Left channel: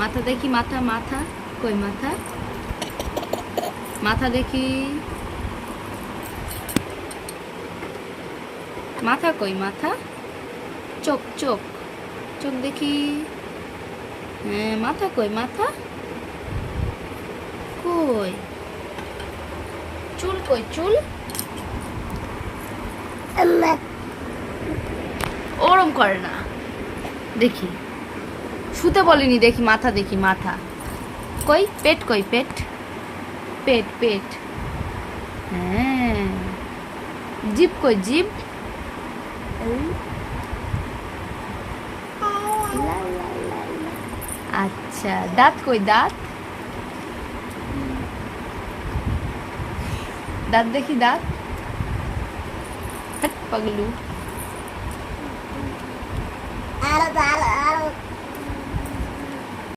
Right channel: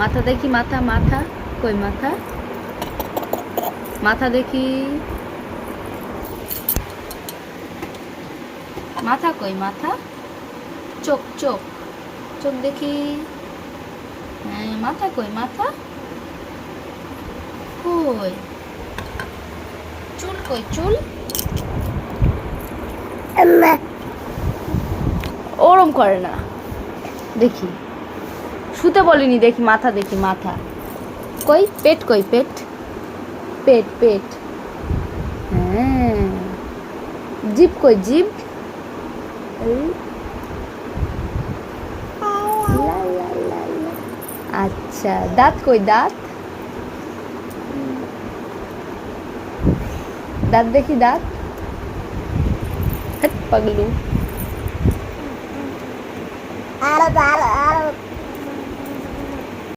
মাথা দেখি, মাথা মাথা কই মাথা, মাথা দেখি, মাথা কই মাথা, চোখ চোখ, চোখ দেখি, হ্যাঁ মাথা কই মাথা, কই চুল, কই চুল, ওরম করে না, দেখি শুতে বলিনি, দেখি মাথা দেখি মাথা, কই পেট, কই পেট, পেট পেট, হ্যাঁ জিভ কই জিভ, আচ্ছা দাঁত কই দাঁত, দাঁত দেখি দাঁত, পাগলু।